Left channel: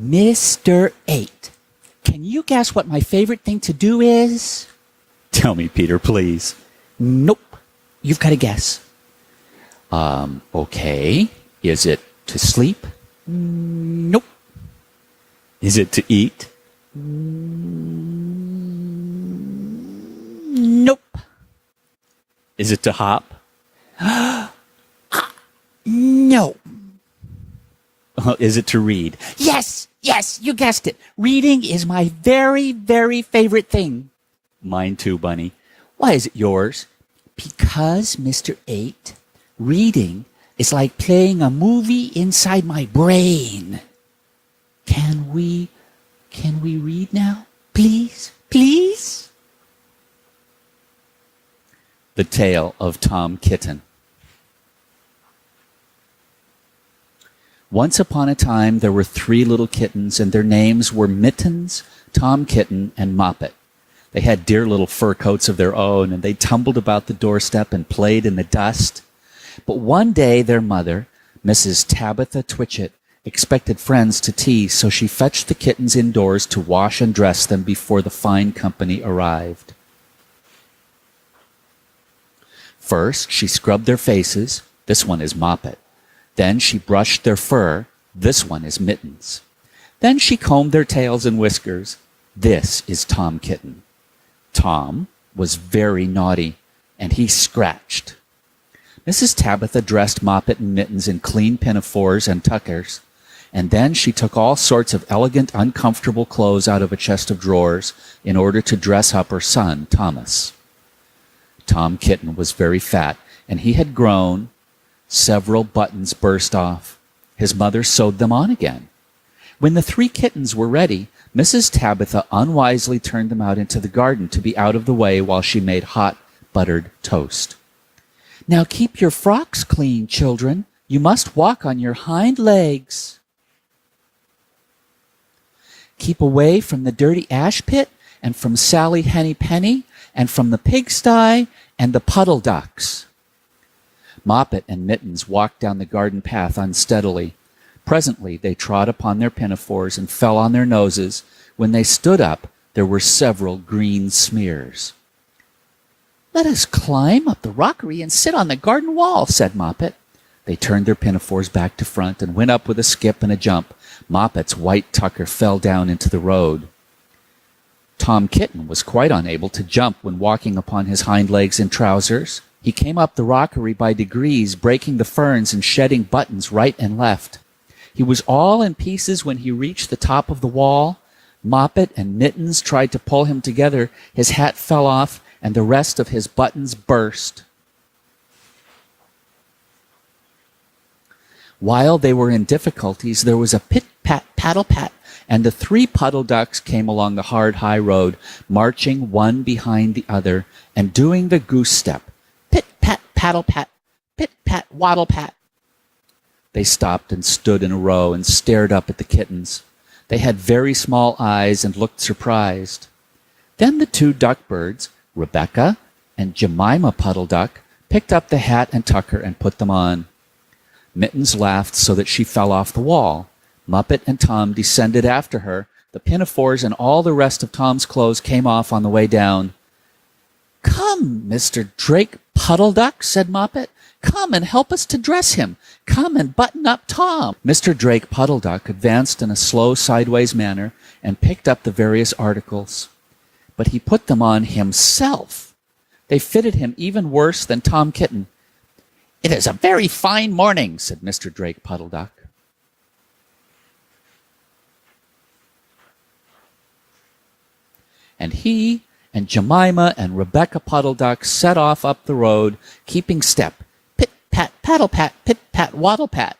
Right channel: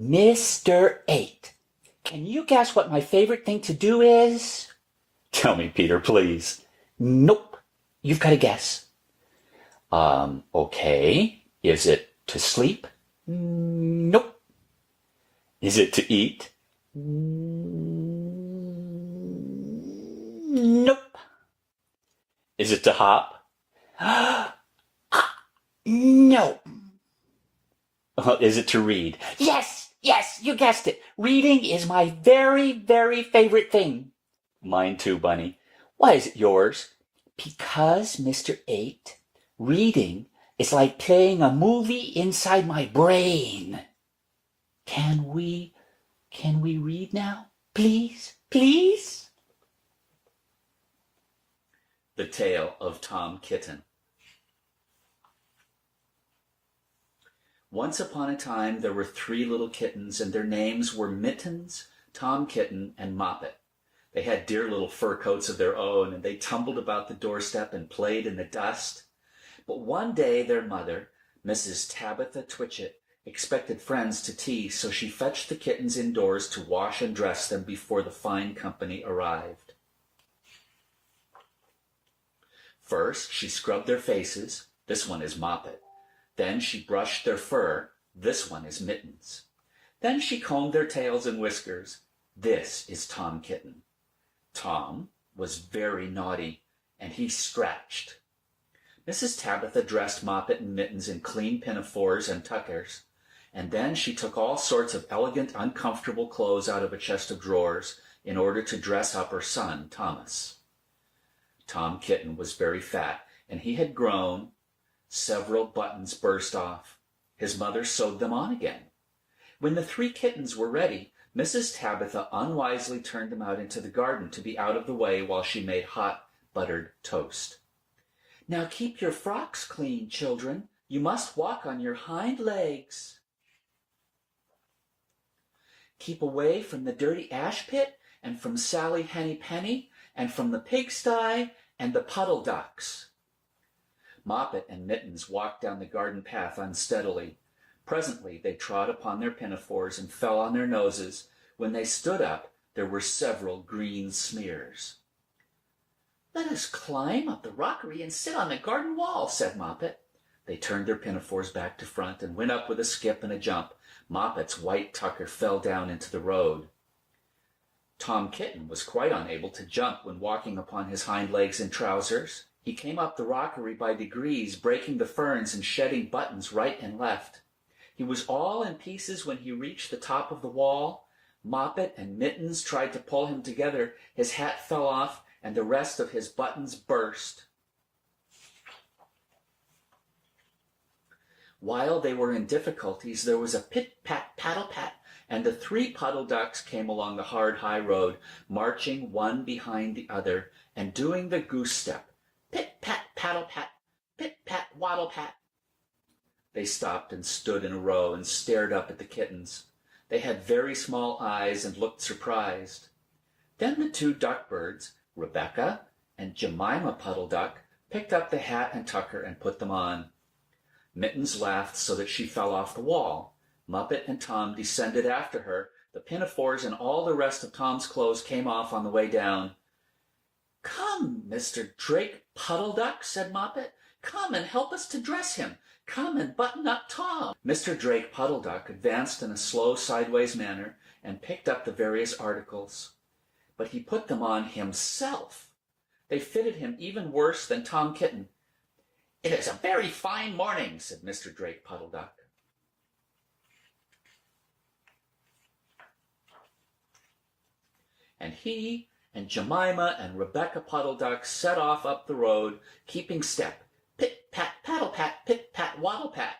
Mr. 8, can you guess what my favorite thing to do is? Tell me, Peter, please. Nope. You've got to guess. Okay. Is it to sleep? Nope. Is it to eat? Nope. Is it to hop? No. Is it to read? Yes, you guessed it. Reading is my very, very favorite thing. Mine too, Bunny. Why is it yours? Because, Mr. 8, reading is like playing a movie inside my brain. Can we read now? Please, please? The Tale of Tom Kitten. Once upon a time, there were 3 little kittens, and their names were Mittens, Tom Kitten, and Moppet. They had dear little fur coats of their own, and they tumbled about the doorstep and played in the dust. But one day their mother, Mrs. Tabitha Twitchit, expected friends to tea, so she fetched the kittens indoors to wash and dress them before the fine company arrived. First, she scrubbed their faces. This one is Moppet. Then she brushed their fur. This one is Mittens. Then she combed their tails and whiskers. This is Tom Kitten. Tom was very naughty, and he scratched. Mrs. Tabitha dressed Moppet and Mittens in clean pinafores and tuckers, and then she took all sorts of elegant, uncomfortable clothes out of a chest of drawers in order to dress up her son, Thomas. Tom Kitten was very fat, and he had grown. Several buttons burst off. His mother sewed them on again. When the 3 kittens were ready, Mrs. Tabitha unwisely turned them out into the garden to be out of the way while she made hot, buttered toast. "Now keep your frocks clean, children. You must walk on your hind legs. Keep away from the dirty ash pit and from Sally Henny Penny and from the pigsty and the puddle ducks." Moppet and Mittens walked down the garden path unsteadily. Presently they trod upon their pinafores and fell on their noses. When they stood up, there were several green smears. "Let us climb up the rockery and sit on the garden wall," said Moppet. They turned their pinafores back to front and went up with a skip and a jump. Moppet's white tucker fell down into the road. Tom Kitten was quite unable to jump when walking upon his hind legs in trousers. He came up the rockery by degrees, breaking the ferns and shedding buttons right and left. He was all in pieces when he reached the top of the wall. Moppet and Mittens tried to pull him together. His hat fell off, and the rest of his buttons burst. While they were in difficulties, there was a pit-pat, paddle-pat, and the 3 puddle ducks came along the hard high road, marching one behind the other, and doing the goose step. Pit-pat, paddle-pat, pit-pat, waddle-pat. They stopped and stood in a row and stared up at the kittens. They had very small eyes and looked surprised. Then the 2 duckbirds, Rebecca and Jemima Puddle Duck, picked up the hat and tucker and put them on. Mittens laughed so that she fell off the wall. Moppet and Tom descended after her. The pinafores and all the rest of Tom's clothes came off on the way down. "Come, Mr. Drake Puddle Duck," said Moppet. "Come and help us to dress him. Come and button up Tom." Mr. Drake Puddle Duck advanced in a slow sideways manner and picked up the various articles. But he put them on himself. They fitted him even worse than Tom Kitten. "It is a very fine morning," said Mr. Drake Puddle Duck. And he and Jemima and Rebecca Puddle Duck set off up the road, keeping step. Pit-pat, paddle-pat, pit-pat, waddle-pat.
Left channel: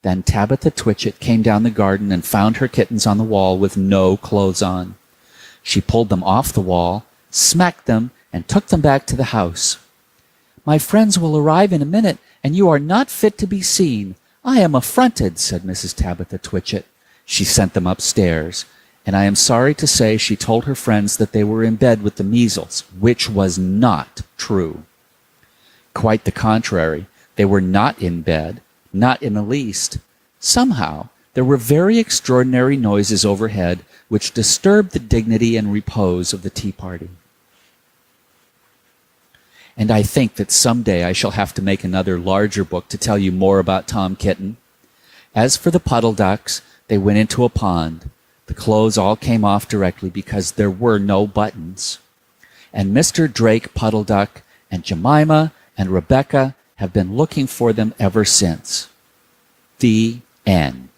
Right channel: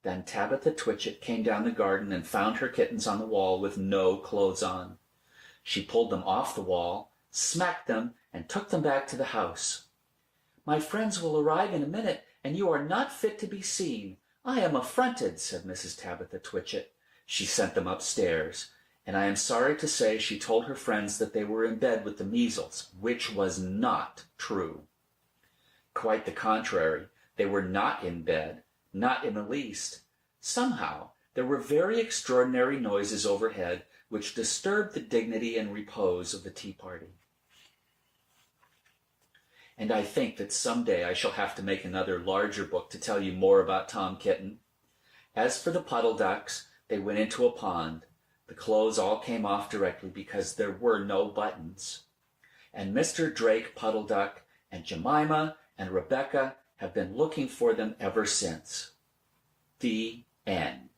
Then Tabitha Twitchit came down the garden and found her kittens on the wall with no clothes on. She pulled them off the wall, smacked them, and took them back to the house. "My friends will arrive in a minute, and you are not fit to be seen. I am affronted," said Mrs. Tabitha Twitchit. She sent them upstairs, and I am sorry to say she told her friends that they were in bed with the measles, which was not true. Quite the contrary. They were not in bed, not in the least. Somehow, There were very extraordinary noises overhead which disturbed the dignity and repose of the tea party. And I think that someday I shall have to make another larger book to tell you more about Tom Kitten. As for the puddle ducks, they went into a pond. The clothes all came off directly because there were no buttons. And Mr. Drake Puddle Duck and Jemima and Rebecca have been looking for them ever since. The end.